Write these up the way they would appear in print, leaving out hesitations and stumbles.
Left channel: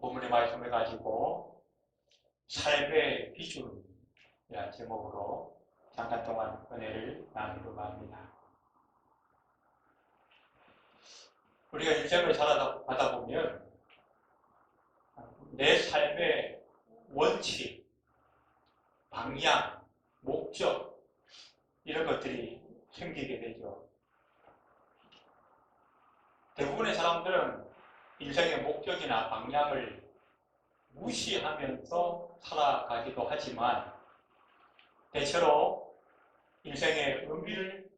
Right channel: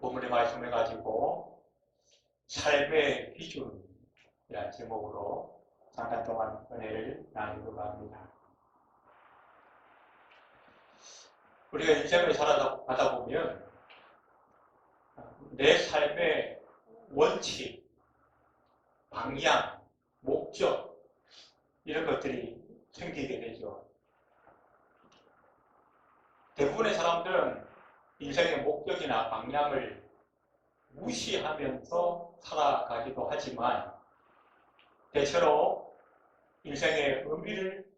본문의 말씀을 가지고 삶의 기준이라는 제목으로 잠깐 동안 은혜를 나누려고 합니다. 우리가 인생을 살아가다 보면 내 삶의 원칙, 방향, 목적 이런 것들이 생기게 되죠. 대부분의 사람들은 인생의 목적이나 방향을 무시하면서 살아가기도 하지만 대체로 인생의 의미를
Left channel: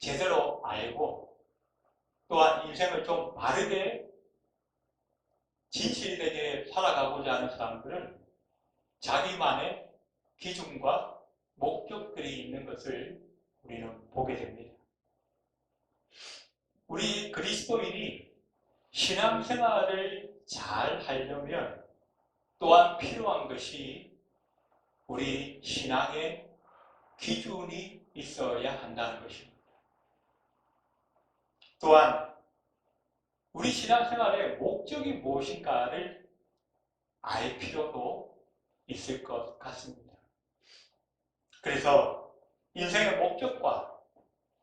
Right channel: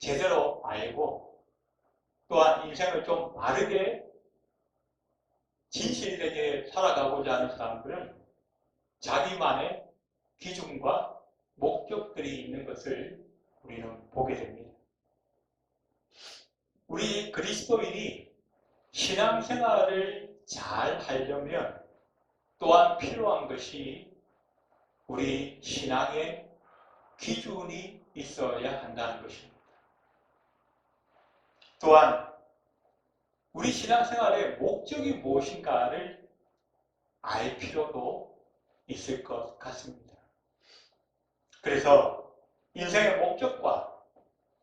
제대로 알고 또한 인생을 좀 바르게 진실되게 살아가고자 하는 사람들은 자기만의 기준과 목적들이 있는 것을 우리는 보게 됩니다. 우리 그리스도인이 신앙생활을 잘 하려면 또한 필요한 것이 우리 신앙의 기준이 있어야 한다는 것입니다. 또한 우리 신앙생활의 목적이 무엇인가를 알 필요도 있을 것 같습니다. 그래서 인생의 목적과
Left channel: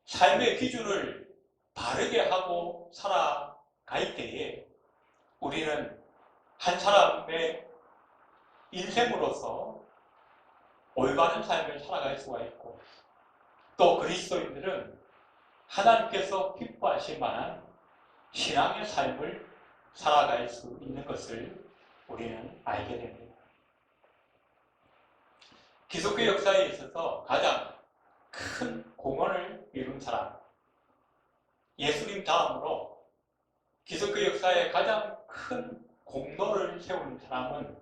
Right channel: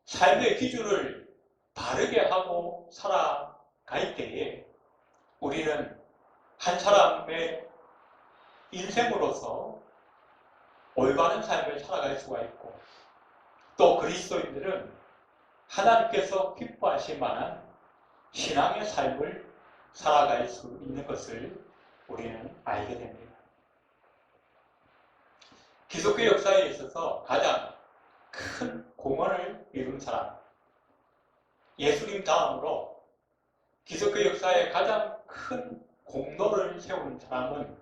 삶의 기준을 바르게 하고 살아갈 때에 우리는 한 사람의 인생으로서 올바른 삶을 살아갈 수가 있고 또 그리스도인들은 하나님께서 기뻐하실 만한 신앙의 삶을 살아갈 수 있는 것을 우리는 알게 됩니다. 기독교 역사에 있어서 가장 큰 공헌을 이룬 사람, 예수님 다음으로 기독교 역사에 가장 큰 공로를 세운 사람은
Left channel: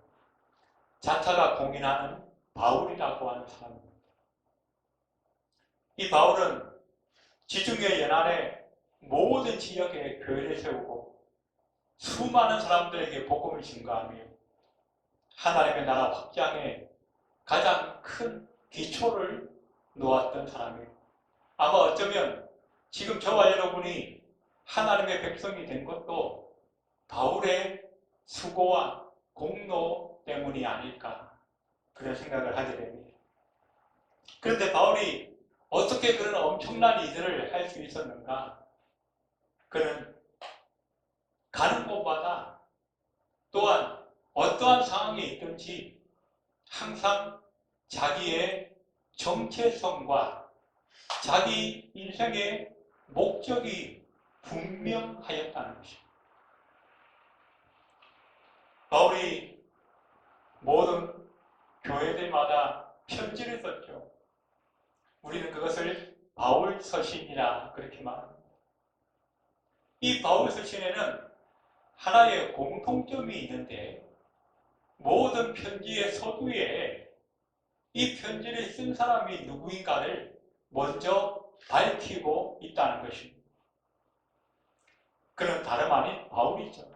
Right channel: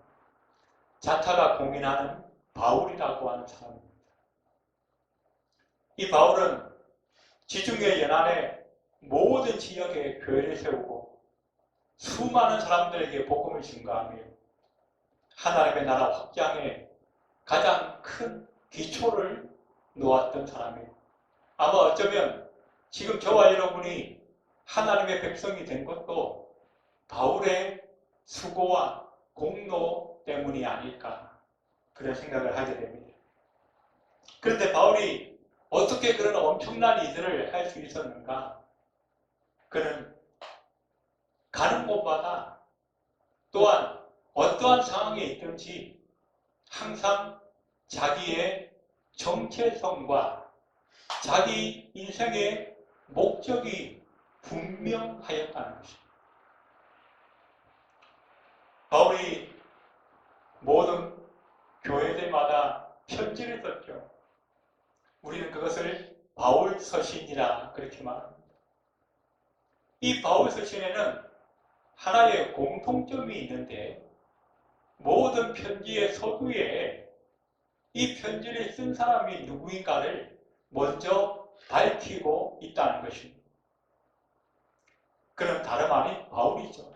자타가 공인하는 바울이라고 하는 사람입니다. 이 바울은 지중해 연안의 모든 지역에 교회를 세우고 수많은 사람들에게 복음을 증거하며 하나님의 나라 확장에 가장 큰 기초를 놓았던 사람이에요. 아마 어쩌면 지금 저와 여러분이 하나님의 백성이 된 것도 바울의 수고와 공로 때문이 아닐까 그런 생각을 하게 됩니다. 그런데 바울이 어떻게 그런 엄청난 일들을 할 수 있었는가? 그는 가는 곳마다 또한 어떠한 상황에 있든지 항상 자기의 정체성과 자기 인생의 목적이 분명하였다는 것입니다. 바울이 모든 교회들마다 편지를 썼죠. 우리는 그것을 바울 서신이라 그렇게 말합니다. 이 바울 서신에는 하나의 공통점이 있는데 모든 편지의 서두에 이 편지를 쓴 사람이 누구인가를 먼저 밝히고 있다는 것입니다. 그는 다름 아닌 바울이죠.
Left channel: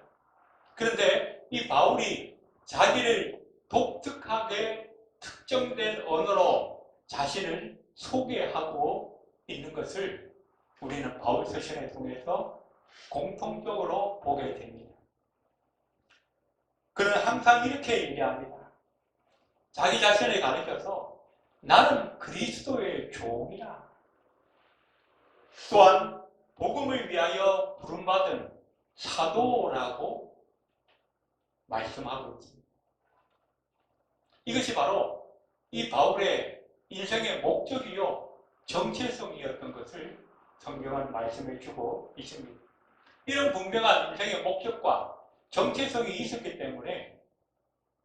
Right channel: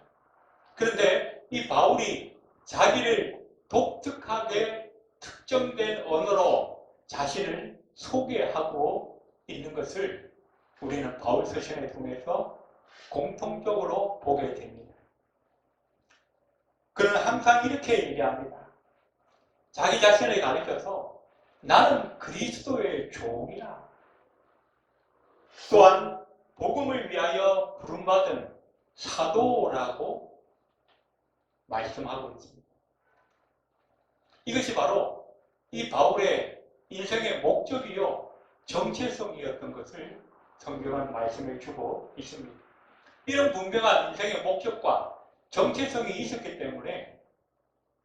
그런데 이 바울이 자기를 독특하게 특정된 언어로 자신을 소개하고 있는 것을 우리는 바울 서신을 통해서 공통적으로 보게 됩니다. 그는 항상 이렇게 얘기합니다. 자기 자신을 가리켜서 나는 그리스도의 종이라. 또한 복음을 위하여 부름받은 사도라고 말씀하고 있습니다. 이것이 바로 이 바울의 인생의 목적이요 정체성이었던 것을 성경은 말씀해 주고 있습니다. 이런 분명한 인생의 목적과 정체성이 있었기 때문에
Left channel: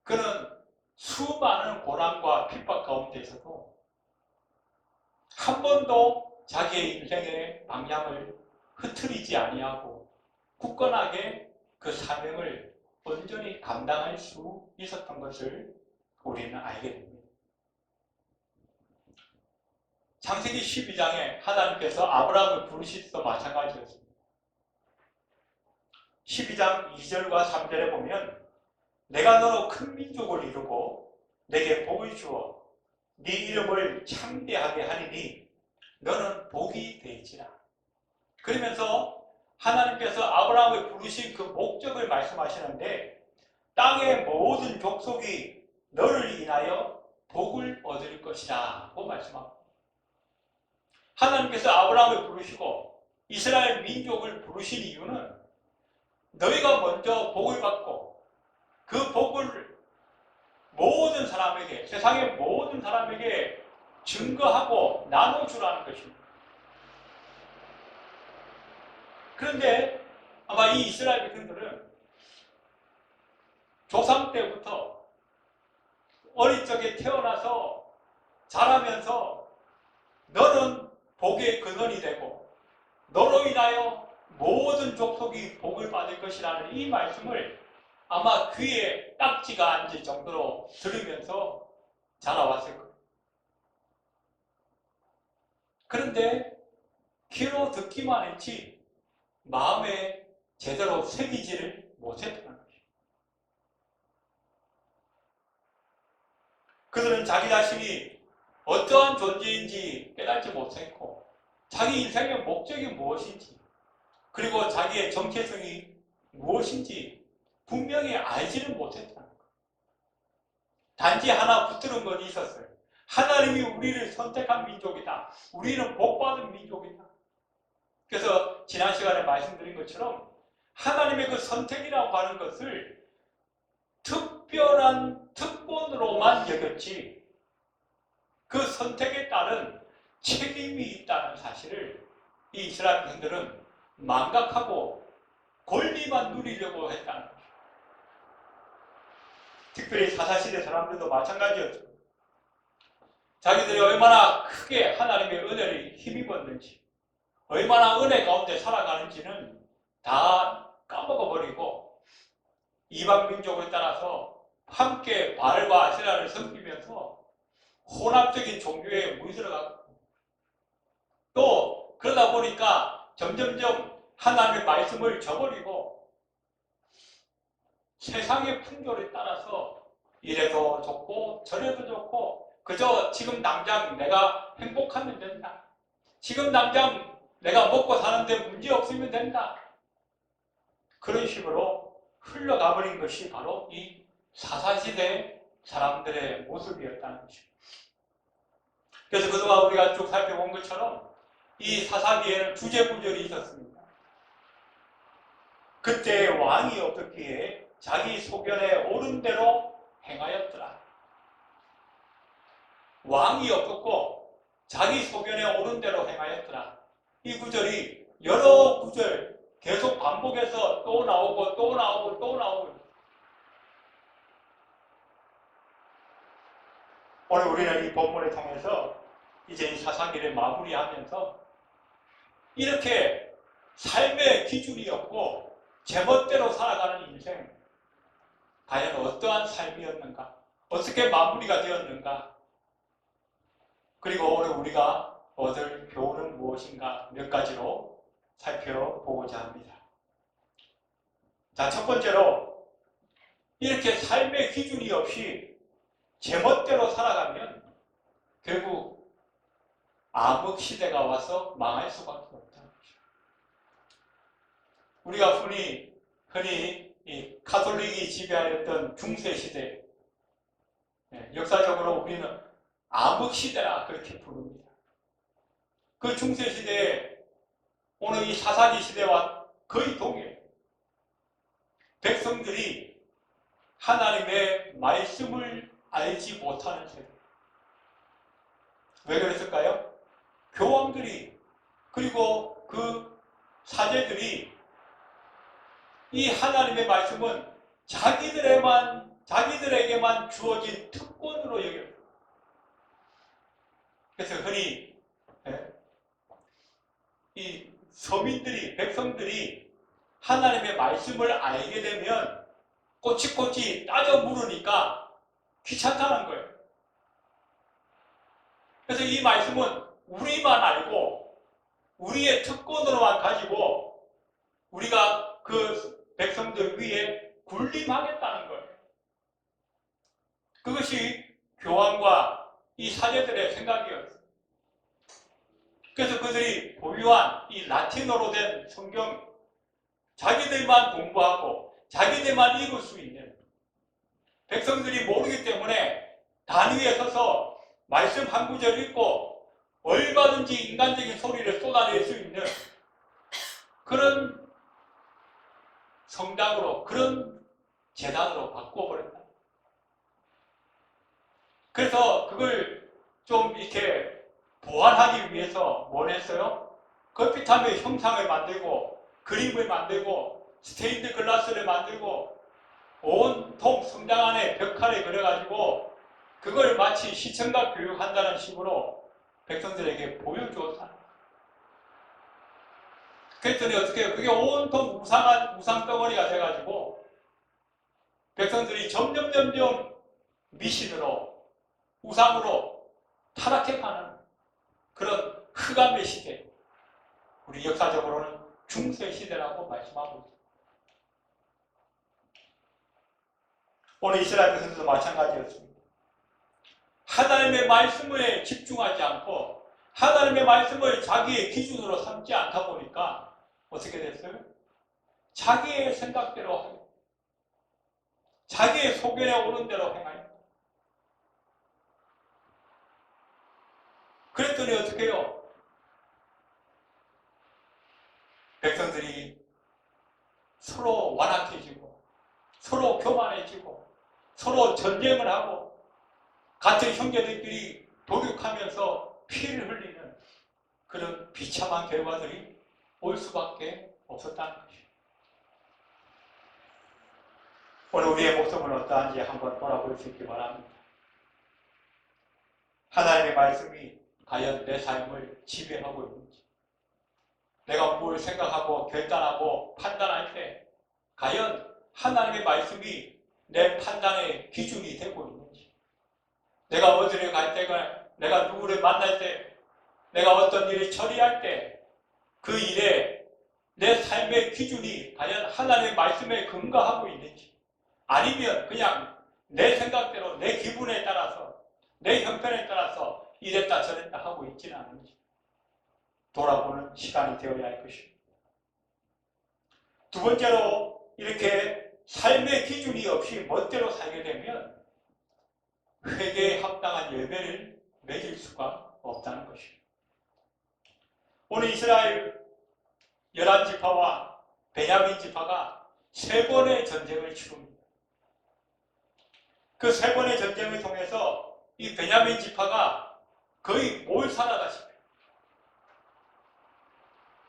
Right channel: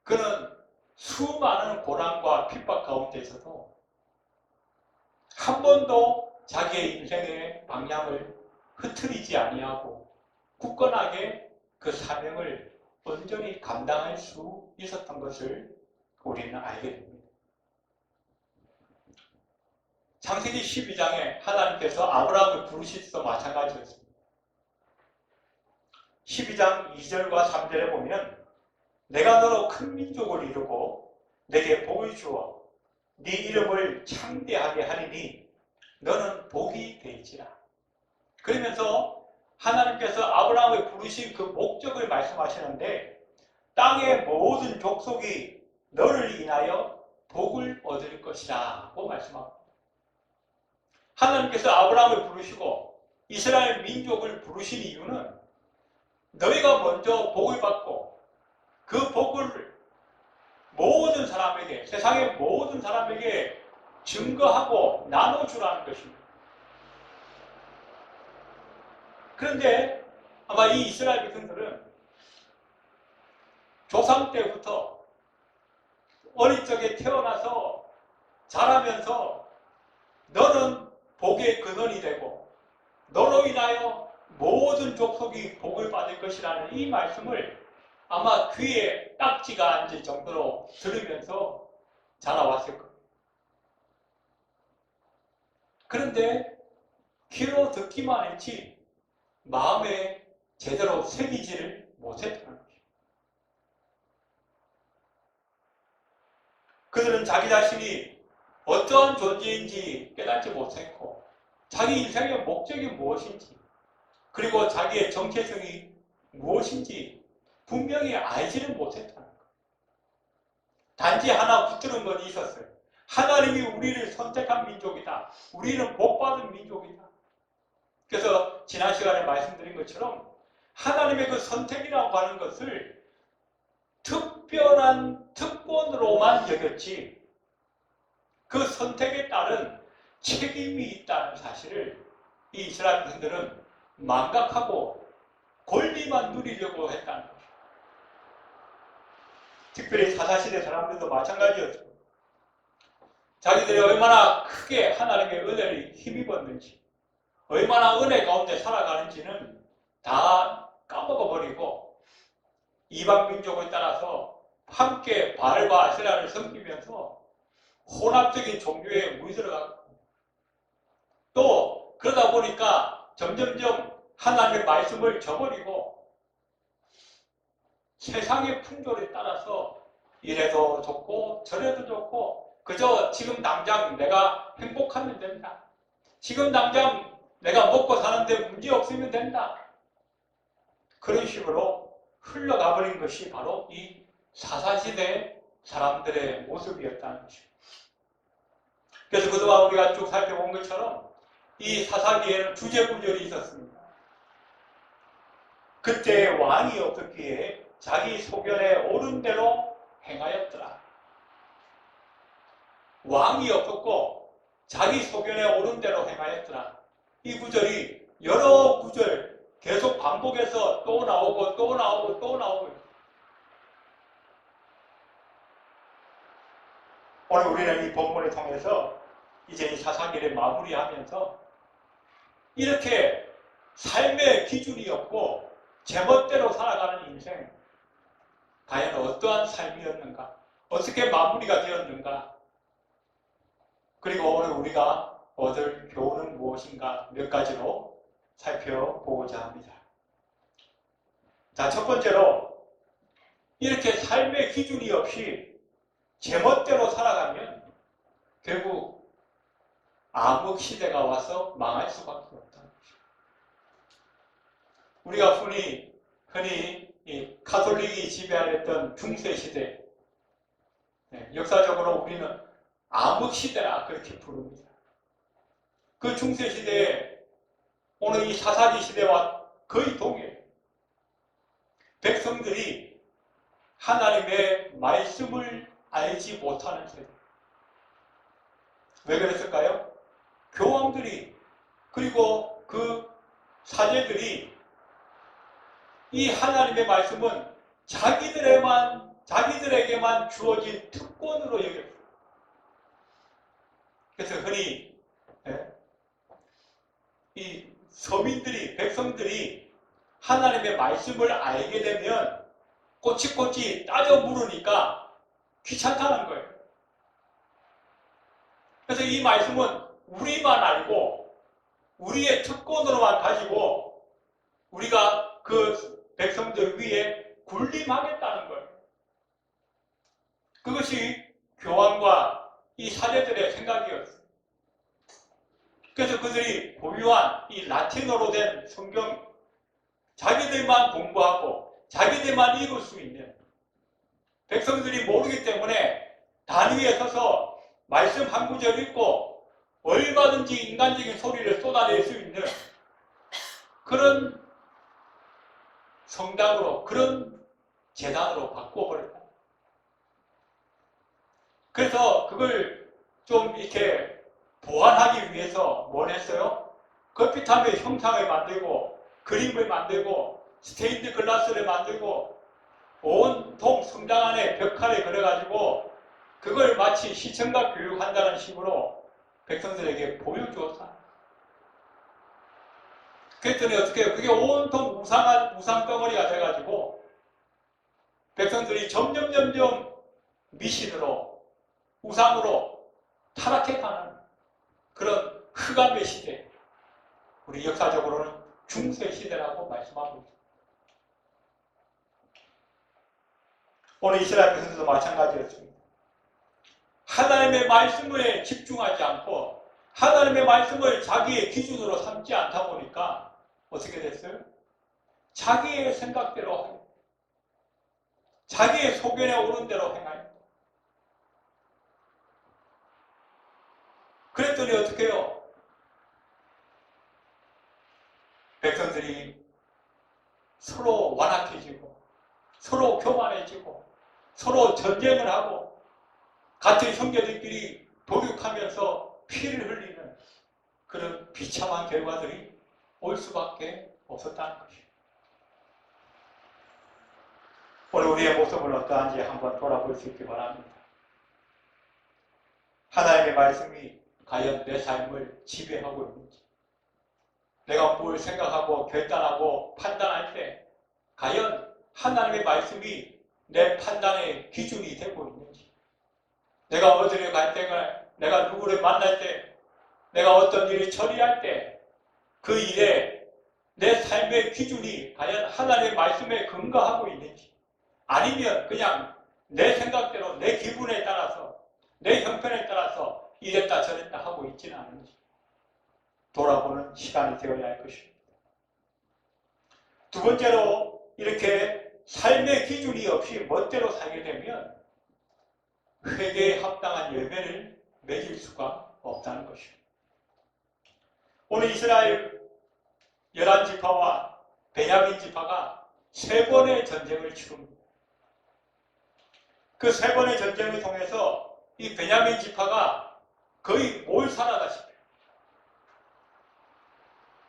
그는 수많은 고난과 핍박 가운데서도 한 번도 자기의 인생의 방향을 흐트리지 아니하고 굳건하게 그 사명을 온전히 감당할 수 있었던 것을 우리는 알게 됩니다. 창세기 12장에 하나님께서 아브라함을 부르실 때도 마찬가지였습니다. 12장 2절과 3절에 보면 내가 너로 큰 민족을 이루고 내게 복을 주어 네 이름을 창대하게 하리니 너는 복이 되지라. 그러면서 하나님께서 아브라함을 부르신 그 목적을 말씀하시는데 땅의 모든 족속이 너를 인하여 복을 얻을 것이다 고 말씀합니다. 하나님께서 아브라함을 부르시고 이스라엘 민족을 부르신 이유는 너희가 먼저 복을 받고 그 복을 모든 사람에게, 세상의 모든 사람에게 증거하고 나눠주라는 것입니다. 그런데 아마 이 이스라엘 백성들은 조상 때부터 어릴 적에 태어나서 자라면서 너는 복의 근원이 되고 너로 인하여 모든 족속이 복을 받을 것이라는 이 말씀을 아마 귀에 딱지가 앉을 정도로 들으면서 자라왔을 거예요. 그런데 귀로 듣기만 했지 마음에 제대로 새기지를 못했다는 거죠. 그들은 자기 자신이 어떠한 존재인지 깨닫지 못했고 자기 인생의 목적이 무엇인지 그리고 자기의 정체성이 무엇인지 분명히 알지를 못했다는 거예요. 단지 하나 붙드는 것이 있었어요. 하나님이 우리를 선택한 민족이다. 우리는 복받은 민족이다. 그래서 지난 시간에 말씀드린 것처럼 하나님의 그 선택이라고 하는 것을 특별한 특권으로만 여겼지 그 선택에 따른 책임이 있다는 사실을 이 이스라엘 백성들은 망각하고 권리만 누리려고 했다는 거죠. 특별히 사사시대 사람들도 마찬가지였죠. 자기들이 얼마나 크게 하나님의 은혜를 힘입었는지 얼마나 은혜 가운데 살아가는지는 다 까먹어버리고 이방 민족을 따라서 함께 바알과 아세라를 섬기면서 혼합적인 종교에 물들어가고 또 그러다 보니까 점점점 하나님의 말씀을 저버리고 세상의 풍조를 따라서 이래도 좋고 저래도 좋고 그저 지금 당장 내가 행복하면 된다. 지금 당장 내가 먹고 사는데 문제 없으면 된다. 그런 식으로 흘러가버린 것이 바로 이 사사시대 사람들의 모습이었다는 것입니다. 그래서 그동안 우리가 쭉 살펴본 것처럼 이 사사기에는 주제구절이 있었습니다. 그때 왕이 없었기에 자기 소견에 옳은 대로 행하였더라. 왕이 없었고 자기 소견에 옳은 대로 행하였더라. 이 구절이 여러 구절 계속 반복해서 또 나오고 또 나오고 또 나오고. 오늘 우리는 이 본문을 통해서 이제 이 사사기를 마무리하면서 이렇게 삶의 기준이 없고 제멋대로 살아가는 인생 과연 어떠한 삶이었는가? 어떻게 마무리가 되었는가? 그리고 오늘 우리가 얻을 교훈은 무엇인가? 몇 가지로 살펴보고자 합니다. 자, 첫 번째로 이렇게 삶의 기준이 없이 제멋대로 살아가면 결국 암흑 시대가 와서 망할 수밖에 없다는 거죠. 우리가 흔히 이 가톨릭이 지배하였던 중세 시대, 역사적으로 우리는 암흑 시대라 그렇게 부릅니다. 그 중세 시대에 오늘 이 사사기 시대와 거의 동일해요. 백성들이 하나님의 말씀을 알지 못하는 세대. 왜 그랬을까요? 교황들이 그리고 그 사제들이 이 하나님의 말씀은 자기들에게만 주어진 특권으로 여겼어요. 그래서 흔히 이 서민들이, 백성들이 하나님의 말씀을 알게 되면 꼬치꼬치 따져 물으니까 귀찮다는 거예요. 그래서 이 말씀은 우리만 알고 우리의 특권으로만 가지고 우리가 그 백성들 위에 군림하겠다는 거예요. 그것이 교황과 이 사제들의 생각이었어요. 그래서 그들이 보유한 이 라틴어로 된 성경 자기들만 공부하고 자기들만 읽을 수 있는 백성들이 모르기 때문에 단 위에 서서 말씀 한 구절 읽고 얼마든지 인간적인 소리를 쏟아낼 수 있는 그런 성당으로, 그런 재단으로 바꿔버렸다. 그래서 그걸 좀 이렇게 보완하기 위해서 뭘 했어요? 커피탑의 형상을 만들고 그림을 만들고 스테인드 글라스를 만들고 온통 성당 안에 벽화를 그려가지고 그걸 마치 시청각 교육한다는 식으로 백성들에게 보여주었다. 그랬더니 어떻게 해요? 그게 온통 우상 덩어리가 돼가지고 백성들이 점점 미신으로 우상으로 타락해가는 그런 흑암의 시대, 우리 역사적으로는 중세 시대라고 말씀하고 있습니다. 오늘 이스라엘 백성들도 마찬가지였습니다. 하나님의 말씀에 집중하지 않고 하나님의 말씀을 자기의 기준으로 삼지 않다 보니까 어떻게 됐어요? 자기의 생각대로 하고 자기의 소견에 오른 대로 행하여. 그랬더니 어떻게 해요? 백성들이 서로 완악해지고 서로 교만해지고 서로 전쟁을 하고 같은 형제들끼리 도륙하면서 피를 흘리는 그런 비참한 결과들이 올 수밖에 없었다는 것입니다. 오늘 우리의 모습은 어떠한지 한번 돌아볼 수 있기 바랍니다. 하나님의 말씀이 과연 내 삶을 지배하고 있는지, 내가 뭘 생각하고 결단하고 판단할 때 과연 하나님의 말씀이 내 판단의 기준이 되고 있는지, 내가 어디를 갈 때, 내가 누구를 만날 때, 내가 어떤 일을 처리할 때 그 일에 내 삶의 기준이 과연 하나님의 말씀에 근거하고 있는지, 아니면 그냥 내 생각대로 내 기분에 따라서 내 형편에 따라서 이랬다 저랬다 하고 있지는 않은지 돌아보는 시간이 되어야 할 것입니다. 두 번째로, 이렇게 삶의 기준이 없이 멋대로 살게 되면 회개에 합당한 열매를 맺을 수가 없다는 것입니다. 오늘 이스라엘 11지파와 베냐민 지파가 3번의 전쟁을 치릅니다. 그 3번의 전쟁을 통해서 이 베냐민 지파가 거의 몰살하다시피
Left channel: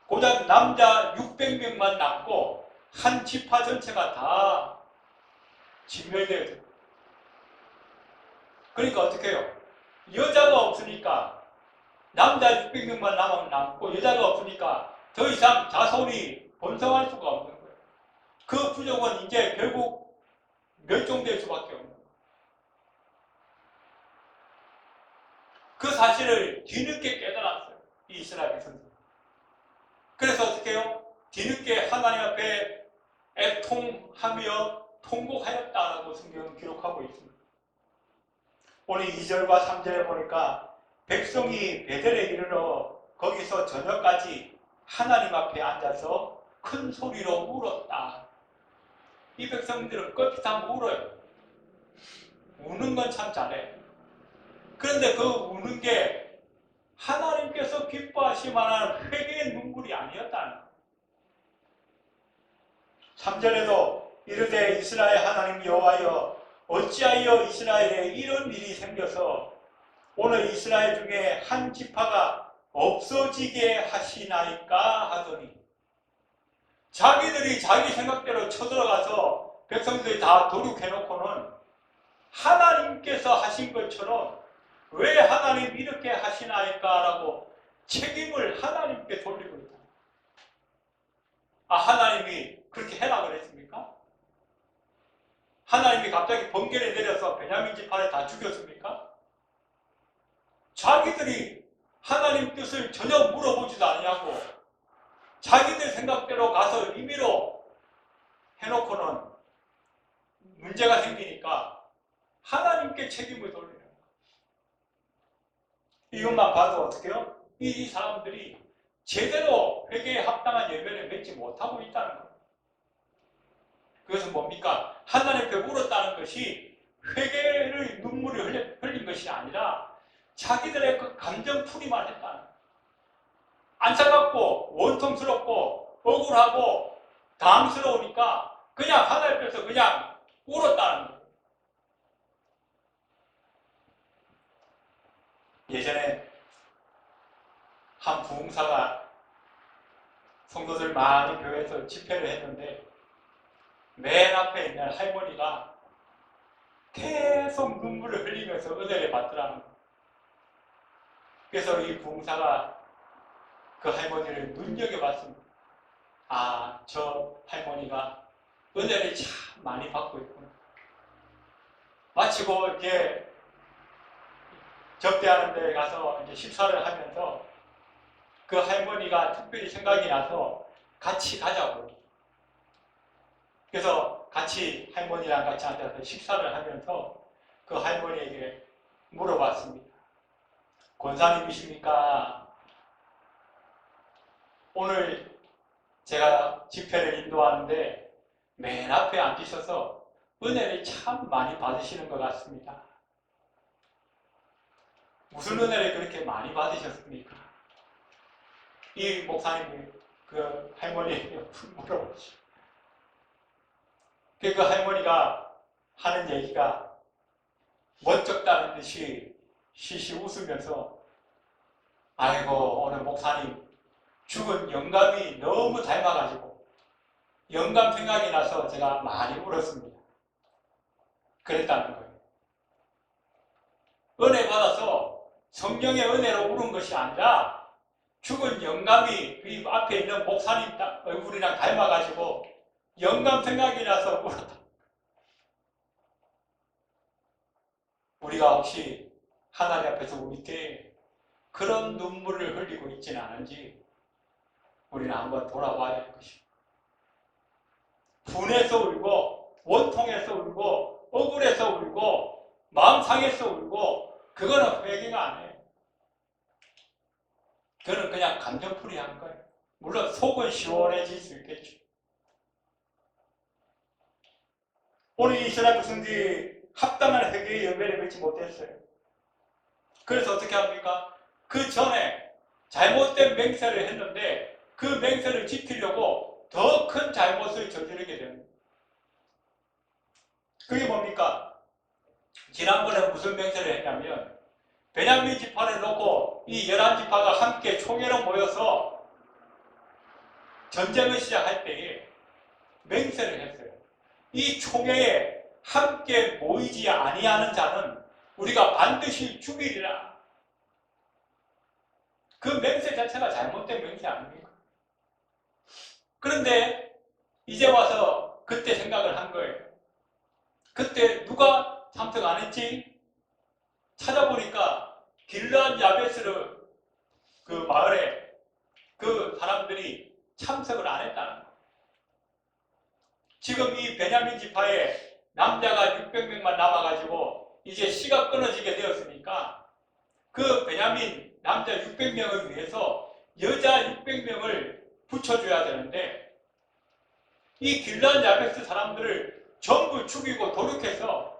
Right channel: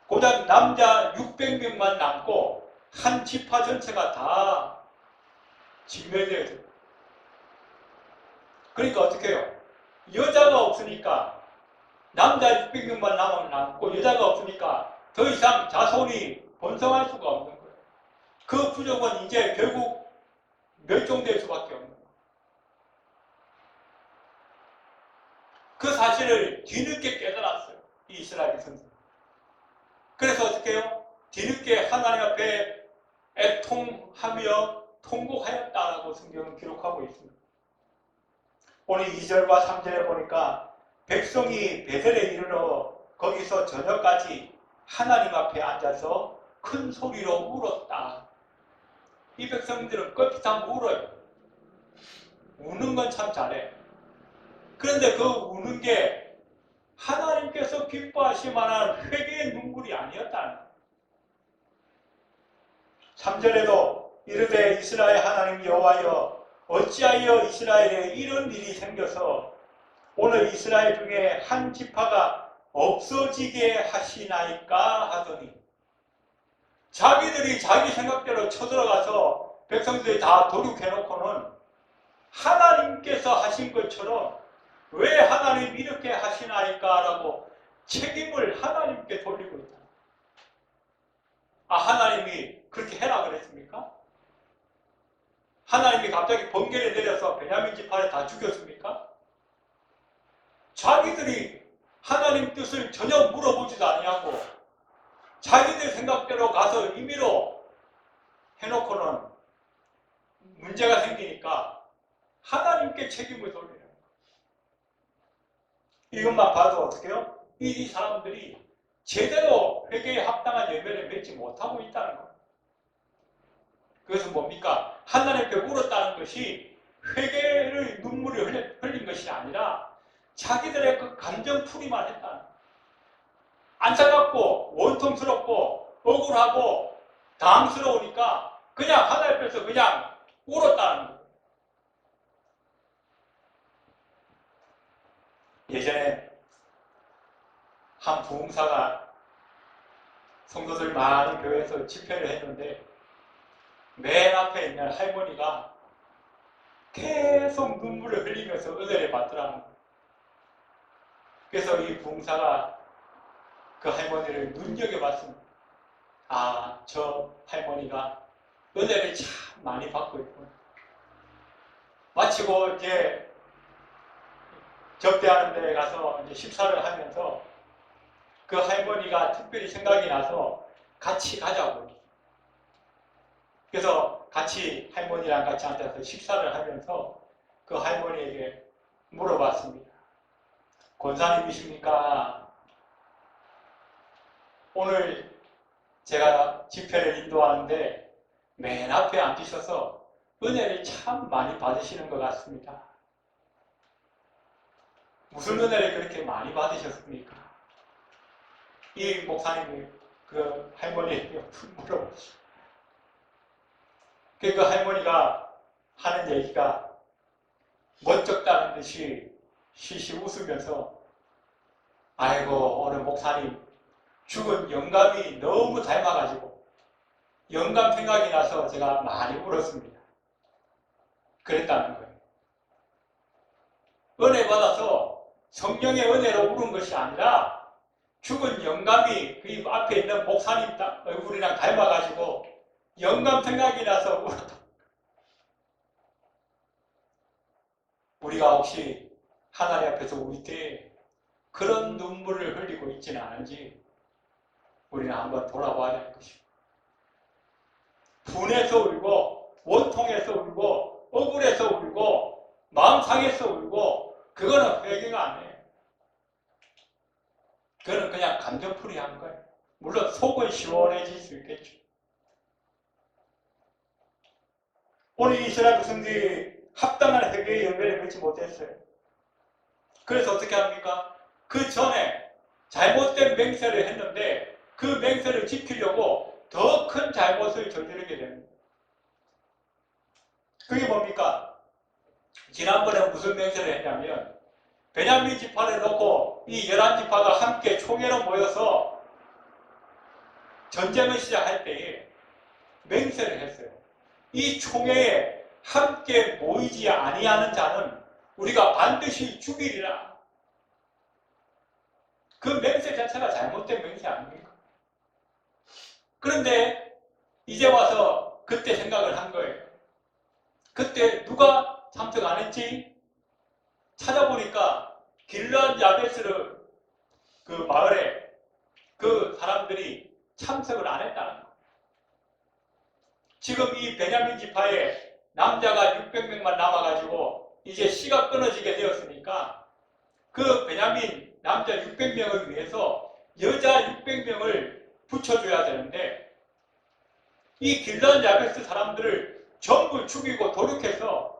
고작 남자 600명만 남고 한 지파 전체가 다 진멸되어져. 그러니까 어떻게 해요? 여자가 없으니까 남자 600명만 남고 여자가 없으니까 더 이상 자손이 번성할 수가 없는 거예요. 그 부족은 이제 결국 멸종될 수밖에 없는 거예요. 그 사실을 뒤늦게 깨달았어요, 이 이스라엘 백성들. 그래서 어떻게 해요? 뒤늦게 하나님 앞에 애통하며 통곡하였다라고 성경은 기록하고 있습니다. 오늘 2절과 3절에 보니까 백성이 베델에 이르러 거기서 저녁까지 하나님 앞에 앉아서 큰 소리로 울었다. 이 백성들은 껏핏하면 울어요. 우는 건 참 잘해. 그런데 그 우는 게 하나님께서 기뻐하실 만한 회개의 눈물이 아니었다는 거예요. 3절에도 이르되 이스라엘 하나님 여호와여 어찌하여 이스라엘에 이런 일이 생겨서 오늘 이스라엘 중에 한 지파가 없어지게 하시나이까 하더니, 자기들이 자기 생각대로 쳐들어가서 백성들이 다 도륙해놓고는 하나님께서 하신 것처럼 왜 하나님 이렇게 하시나이까 라고 책임을 하나님께 돌리고 있다. 아, 하나님이 그렇게 해라 그랬습니까? 하나님이 갑자기 번개를 내려서 베냐민 지파를 다 죽였습니까? 자기들이 하나님 뜻을 전혀 물어보지도 아니하고 자기들 생각대로 가서 임의로 해놓고는 문제가 생기니까 하나님께 책임을 돌리는 거예요. 이것만 봐도 어떻게 해요? 이 사람들이 제대로 회개에 합당한 열매를 맺지 못하고 있다는 거예요. 그것은 뭡니까? 하나님께 물었다는 것이 회개의 눈물을 흘린 것이 아니라 자기들의 그 감정풀이만 했다. 안타깝고 원통스럽고 억울하고 당황스러우니까 그냥 하나님 앞에서 그냥 울었다는 거예요. 예전에 한 부흥사가 성도들 많이 교회에서 집회를 했는데 맨 앞에 있는 할머니가 계속 눈물을 흘리면서 은혜를 받더라는 거예요. 그래서 이 부흥사가 그 할머니를 눈여겨봤습니다. 아, 저 할머니가 은혜를 참 많이 받고 있구나. 마치고 이제 접대하는 데 가서 이제 식사를 하면서 그 할머니가 특별히 생각이 나서 같이 가자고. 그래서 같이 할머니랑 같이 앉아서 식사를 하면서 그 할머니에게 물어봤습니다. 권사님이십니까? 오늘 제가 집회를 인도하는데 맨 앞에 앉으셔서 은혜를 참 많이 받으시는 것 같습니다. 무슨 은혜를 그렇게 많이 받으셨습니까? 이 목사님이 그 할머니에게 물어보시죠. 그 할머니가 하는 얘기가 멋쩍다는 듯이 시시 웃으면서 아이고 오늘 목사님 죽은 영감이 너무 닮아가지고 영감 생각이 나서 제가 많이 울었습니다. 그랬다는 거예요. 은혜 받아서 성령의 은혜로 울은 것이 아니라 죽은 영감이 그 앞에 있는 목사님 얼굴이랑 닮아가지고 영감 생각이 나서 울었다. 우리가 혹시 하나님 앞에서 울 때 그런 눈물을 흘리고 있지는 않은지 우리는 한번 돌아봐야 할 것입니다. 분해서 울고 원통해서 울고 억울해서 울고 마음 상해서 울고 그거는 회개가 아니에요. 그거는 그냥 감정풀이 하는 거예요. 물론 속은 시원해질 수 있겠죠. 오늘 이스라엘 백성들이 합당한 회개의 열매를 맺지 못했어요. 그래서 어떻게 합니까? 그 전에 잘못된 맹세를 했는데 그 맹세를 지키려고 더 큰 잘못을 저지르게 됩니다. 그게 뭡니까? 지난번에 무슨 맹세를 했냐면 베냐민 지파를 놓고 이 11지파가 함께 총회로 모여서 전쟁을 시작할 때에 맹세를 했어요. 이 총회에 함께 모이지 아니하는 자는 우리가 반드시 죽이리라. 그 맹세 자체가 잘못된 맹세 아닙니까? 그런데 이제 와서 그때 생각을 한 거예요. 그때 누가 참석 안 했지? 찾아보니까 길르앗 야베스를 그 마을에 그 사람들이 참석을 안 했다는 거예요. 지금 이 베냐민 지파에 남자가 600명만 남아가지고 이제 씨가 끊어지게 되었으니까 그 베냐민 남자 600명을 위해서 여자 600명을 붙여줘야 되는데 이 길르앗 야베스 사람들을 전부 죽이고 도륙해서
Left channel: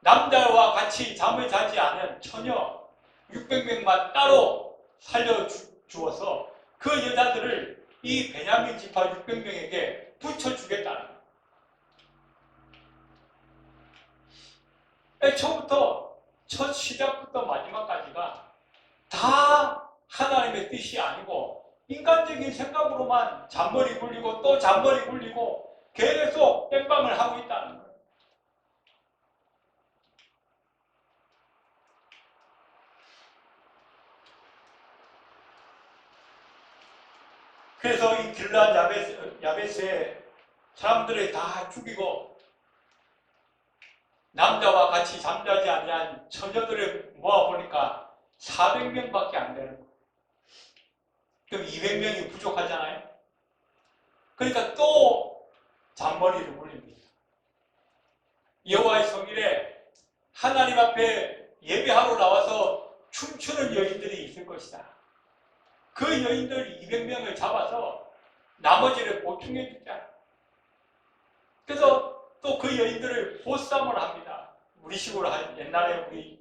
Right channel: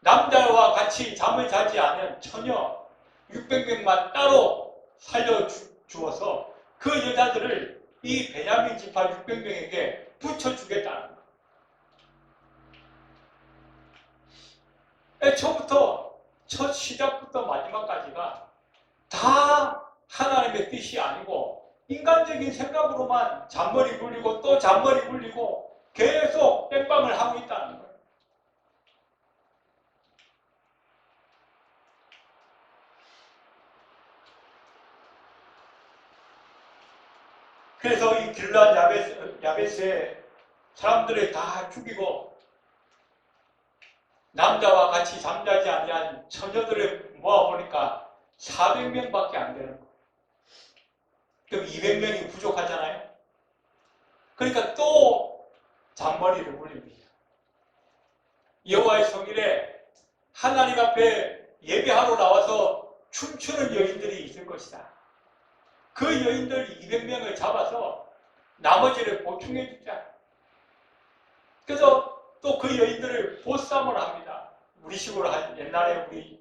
남자와 같이 잠을 자지 않은 처녀 600명만 따로 살려주어서 그 여자들을 이 베냐민 지파 600명에게 붙여주겠다는 거예요. 처음부터 첫 시작부터 마지막까지가 다 하나님의 뜻이 아니고 인간적인 생각으로만 잔머리 굴리고 또 잔머리 굴리고 계속 땜빵을 하고 있다는 거예요. 그래서 이 길르앗 야베스의 사람들을 다 죽이고 남자와 같이 잠자지 아니한 처녀들을 모아보니까 400명밖에 안 되는 거예요. 그럼 200명이 부족하잖아요. 그러니까 또 잔머리를 굴립니다. 여호와의 성일에 하나님 앞에 예배하러 나와서 춤추는 여인들이 있을 것이다. 그 여인들 200명을 잡아서 나머지를 보충해 주자. 그래서 또 그 여인들을 보쌈을 합니다. 우리 식으로 옛날에 우리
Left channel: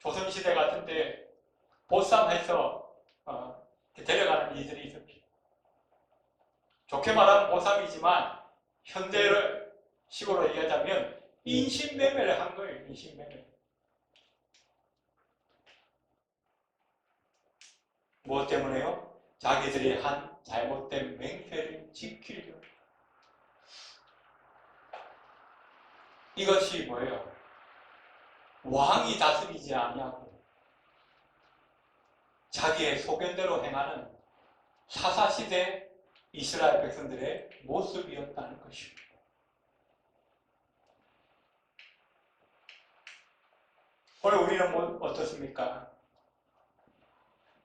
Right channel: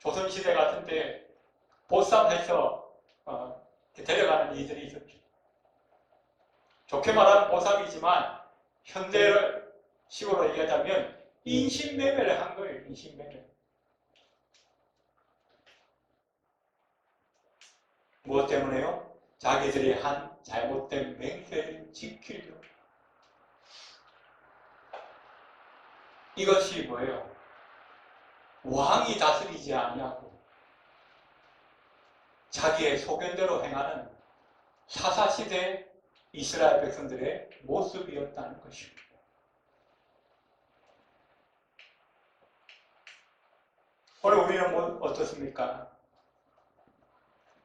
조선시대 같은데 보쌈해서 데려가는 일들이 있었죠. 좋게 말하면 보쌈이지만 현대식으로 얘기하자면 인신매매를 한 거예요. 인신매매. 무엇 때문에요? 자기들이 한 잘못된 맹세를 지키려고. 이것이 뭐예요? 왕이 다스리지 아니하고 자기의 소견대로 행하는 사사시대 이스라엘 백성들의 모습이었다는 것입니다. 오늘 우리는 어떻습니까?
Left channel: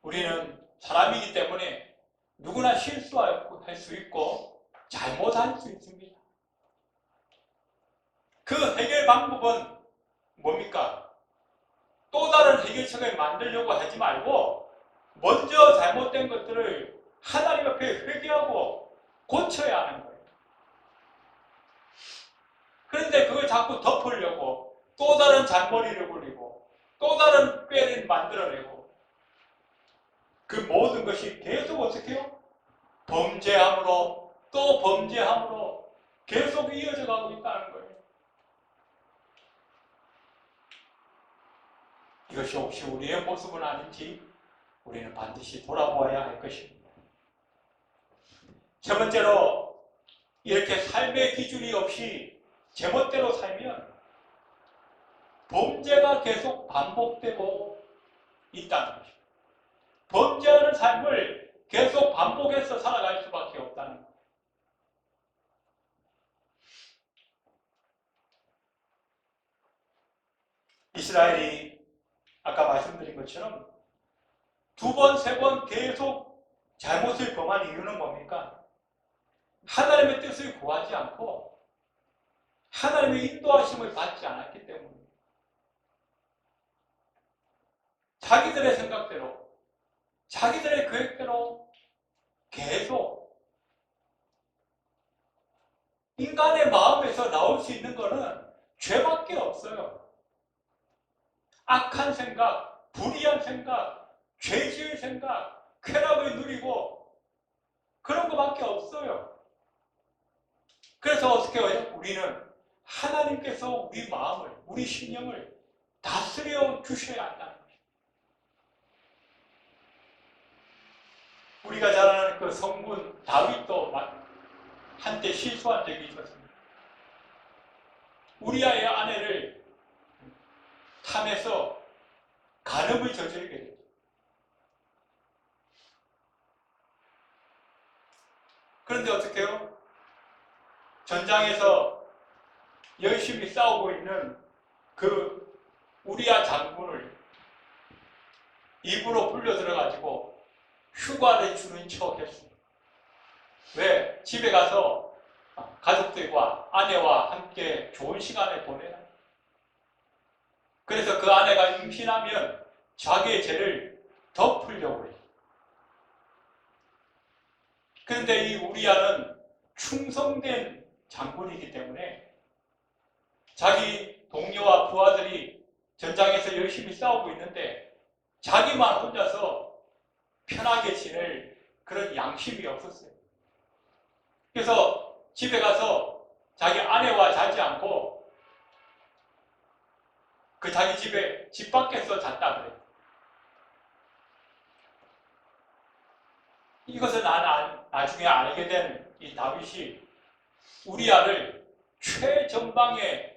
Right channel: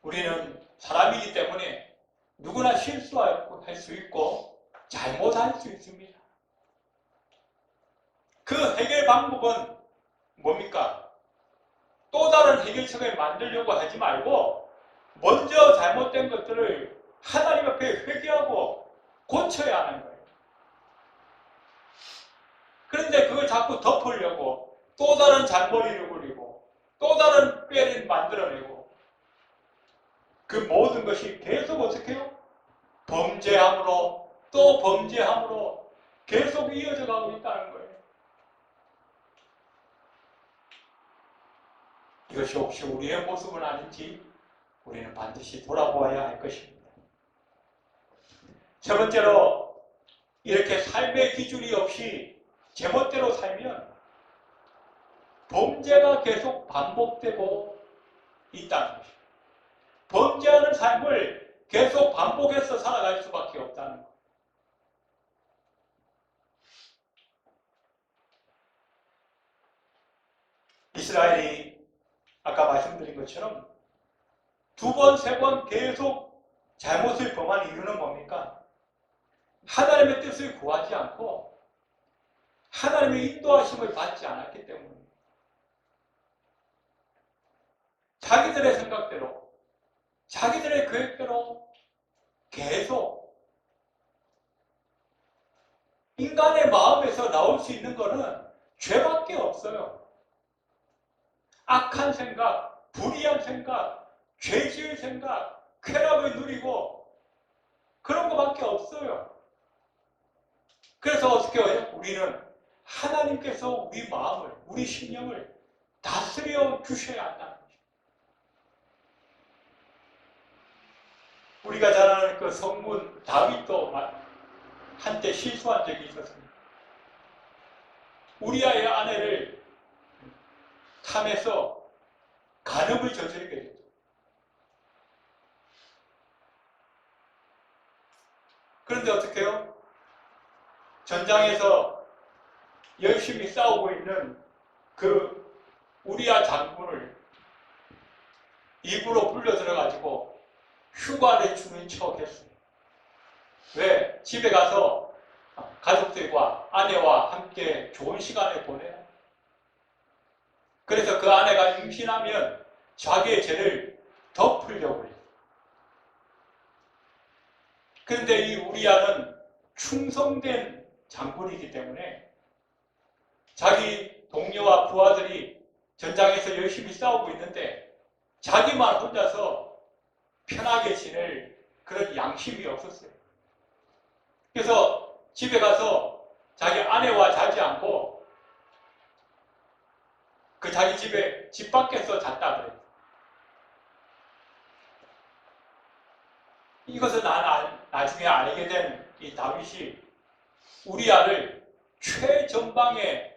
우리는 사람이기 때문에 누구나 실수할 수 있고 잘못할 수 있습니다. 그 해결 방법은 뭡니까? 또 다른 해결책을 만들려고 하지 말고 먼저 잘못된 것들을 하나님 앞에 회개하고 고쳐야 하는 거예요. 그런데 그걸 자꾸 덮으려고 또 다른 잔머리를 굴리고 또 다른 꾀를 만들어내고 그 모든 것이 계속 어떻게 해요? 범죄함으로 또 범죄함으로 계속 이어져 가고 있다는 거예요. 이것이 혹시 우리의 모습은 아닌지 우리는 반드시 돌아보아야 할 것입니다. 세 번째로 이렇게 삶의 기준이 없이 제멋대로 살면 범죄가 계속 반복되고 있다는 것입니다. 범죄하는 삶을 계속 반복해서 살아갈 수밖에 없다는 것. 이스라엘이 아까 말씀드린 것처럼 두 번, 세 번 계속 잘못을 범한 이유는 뭡니까? 하나님의 뜻을 구하지 않고 하나님의 인도하심을 받지 않았기 때문입니다. 자기들의 생각대로, 자기들의 계획대로 계속 인간의 마음에서 나올 수 있는 것은 죄밖에 없어요. 악한 생각, 불의한 생각, 죄지의 생각, 쾌락을 누리고 그런 것밖에 없어요. 그래서 어떻게 해요? 우리는 하나님께서 우리 마음을, 우리 심령을 다스려 주셔야 한다는 것입니다. 우리가 잘 아는 그 성문 다윗도 한때 실수한 적이 있었습니다. 우리아의 아내를 탐해서 간음을 저지르게 됐죠. 그런데 어떻게 해요? 전장에서 열심히 싸우고 있는 그 우리아 장군을 입으로 불려 들어가지고 휴가를 주는 척 했어요. 왜? 집에 가서 가족들과 아내와 함께 좋은 시간을 보내라. 그래서 그 아내가 임신하면 자기의 죄를 덮으려고 해요. 그런데 이 우리아는 충성된 장군이기 때문에 자기 동료와 부하들이 전장에서 열심히 싸우고 있는데 자기만 혼자서 편하게 지낼 그런 양심이 없었어요. 그래서 집에 가서 자기 아내와 자지 않고 그 자기 집에 집 밖에서 잤다 그래요. 이것을 나중에 알게 된 이 다윗이 우리아를 최전방에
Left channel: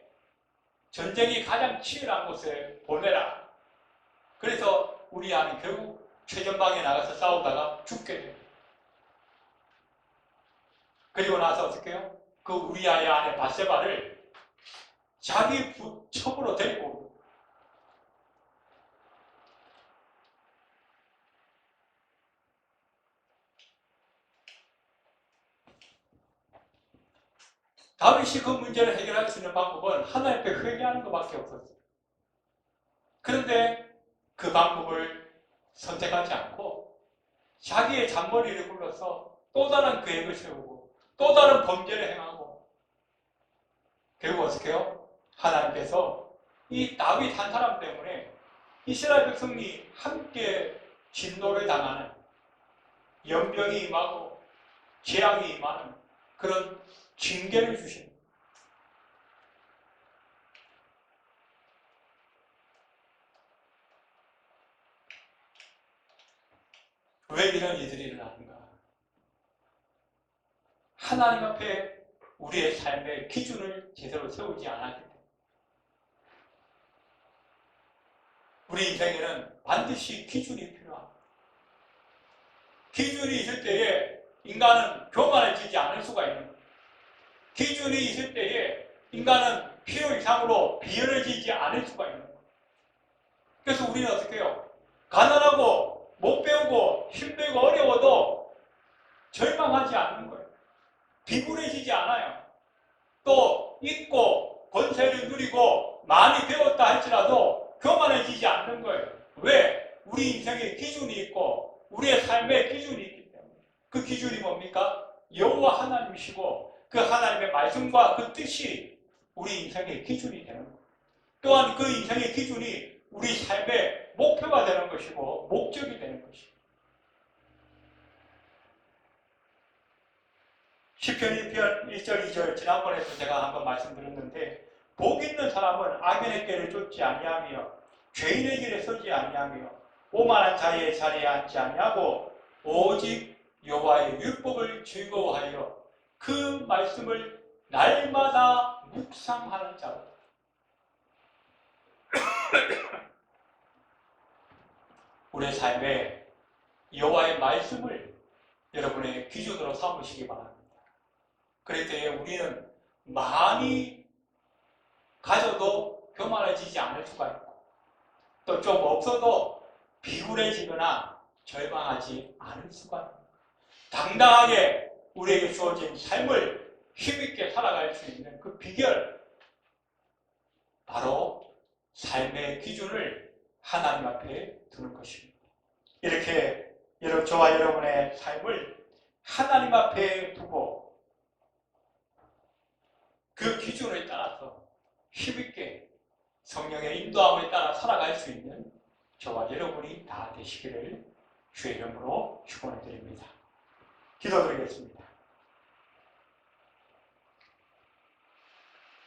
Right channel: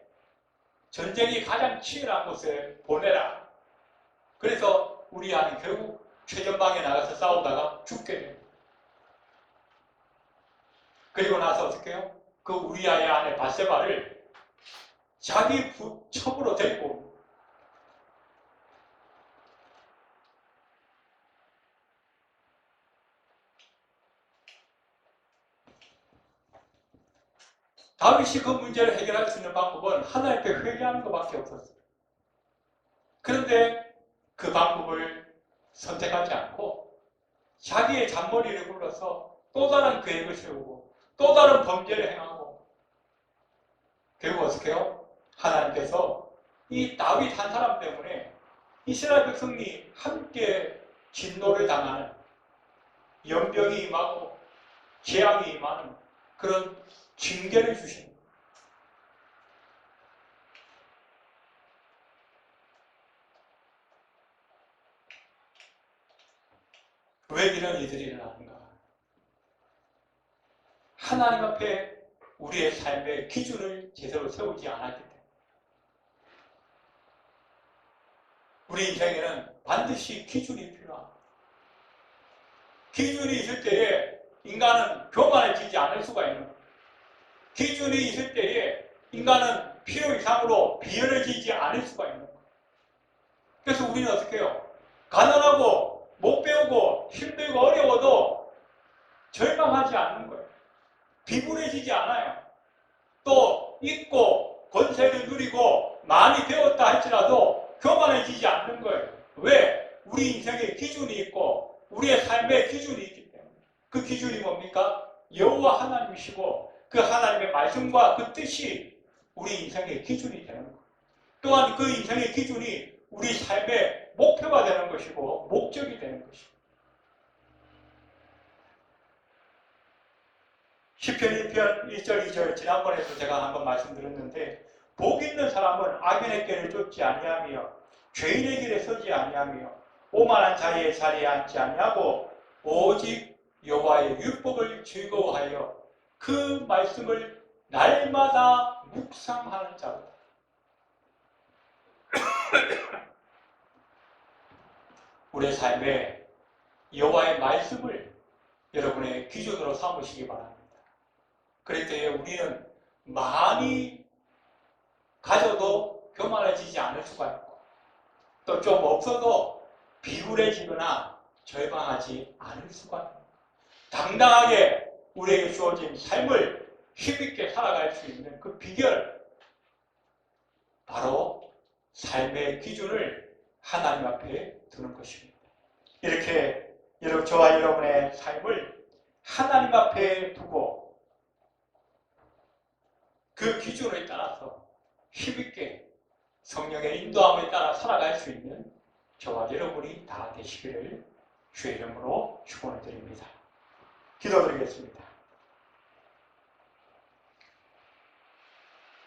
전쟁이 가장 치열한 곳에 보내라. 그래서 우리아는 결국 최전방에 나가서 싸우다가 죽게 돼요. 그리고 나서 어떻게 해요? 그 우리아의 아내 바세바를 자기 첩으로 데리고 옵니다. 다윗이 그 문제를 해결할 수 있는 방법은 하나님께 회개하는 것밖에 없었어요. 그런데 그 방법을 선택하지 않고 자기의 잔머리를 굴러서 또 다른 계획을 세우고 또 다른 범죄를 행하고 결국 어떻게 해요? 하나님께서 이 다윗 한 사람 때문에 이스라엘 백성이 함께 진노를 당하는, 연병이 임하고 재앙이 임하는 그런 징계를 주십니다. 왜 이런 일들이 일어나는가? 하나님 앞에 우리의 삶의 기준을 제대로 세우지 않았기 때문에. 우리 인생에는 반드시 기준이 필요합니다. 기준이 있을 때에 인간은 교만해지지 않을 수가 있는 거예요. 기준이 있을 때에 인간은 필요 이상으로 비열해지지 않을 수가 있는 거예요. 그래서 우리는 어떻게 해요? 가난하고 못 배우고 힘들고 어려워도 절망하지 않는 거예요. 비굴해지지 않아요. 또 있고 권세를 누리고 많이 배웠다 할지라도 교만해지지 않는 거예요. 왜? 우리 인생에 기준이 있고 우리의 삶에 기준이 있기 때문에. 그 기준이 뭡니까? 여호와 하나님이시고 그 하나님의 말씀과 그 뜻이 우리 인생의 기준이 되는 거예요. 또한 그 인생의 기준이 우리 삶의 목표가 되는 것이고 목적이 되는 것이고. 시편 1편 1절 2절 지난번에도 제가 한번 말씀드렸는데, 복 있는 사람은 악인의 길을 쫓지 아니하며 죄인의 길에 서지 아니하며 오만한 자의 자리에 앉지 아니하고 오직 여호와의 율법을 즐거워하여 그 말씀을 날마다 묵상하는 자다. 우리의 삶에 여호와의 말씀을 여러분의 기준으로 삼으시기 바랍니다. 그럴 때에 우리는 많이 가져도 교만해지지 않을 수가 있고, 또 좀 없어도 비굴해지거나 절망하지 않을 수가 있고, 당당하게 우리에게 주어진 삶을 힘있게 살아갈 수 있는 그 비결, 바로 삶의 기준을 하나님 앞에 두는 것입니다. 이렇게 저와 여러분의 삶을 하나님 앞에 두고 그 기준에 따라서 힘있게 성령의 인도함에 따라 살아갈 수 있는 저와 여러분이 다 되시기를 주의 이름으로 축원해 드립니다. 기도드리겠습니다.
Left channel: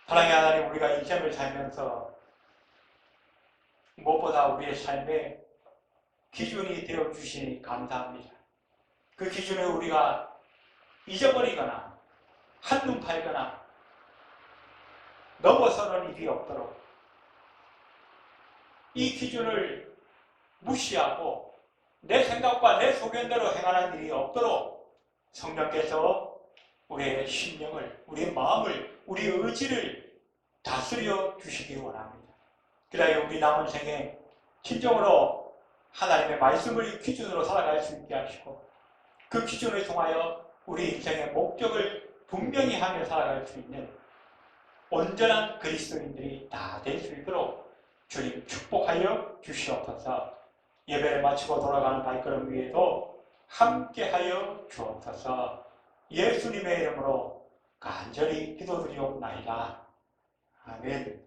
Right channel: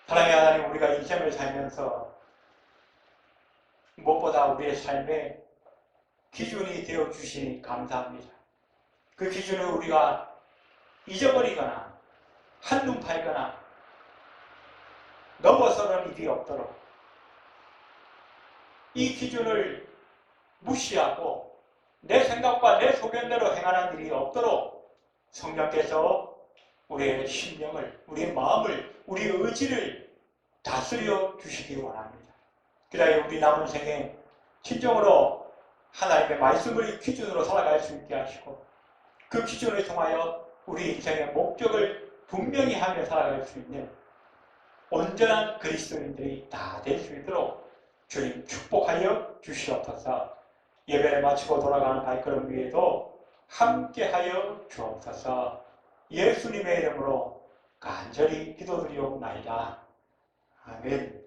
사랑의 하나님, 우리가 인생을 살면서 무엇보다 우리의 삶에 기준이 되어 주시니 감사합니다. 그 기준을 우리가 잊어버리거나 한눈 팔거나 넘어서는 일이 없도록, 이 기준을 무시하고 내 생각과 내 소견대로 행하는 일이 없도록 성령께서 우리의 심령을, 우리의 마음을, 우리의 의지를 다스려 주시기 원합니다. 그래야 우리 남은 생에 진정으로 하나님의 말씀을 기준으로 살아갈 수 있게 하시고, 그 기준을 통하여 우리 인생의 목적을 분명히 하며 살아갈 수 있는 온전한 그리스도인들이 다 될 수 있도록 주님 축복하여 주시옵소서. 예배를 마치고 돌아가는 발걸음 위에도 함께하여 주옵소서. 예수님의 이름으로 간절히 기도드리옵나이다. 아멘.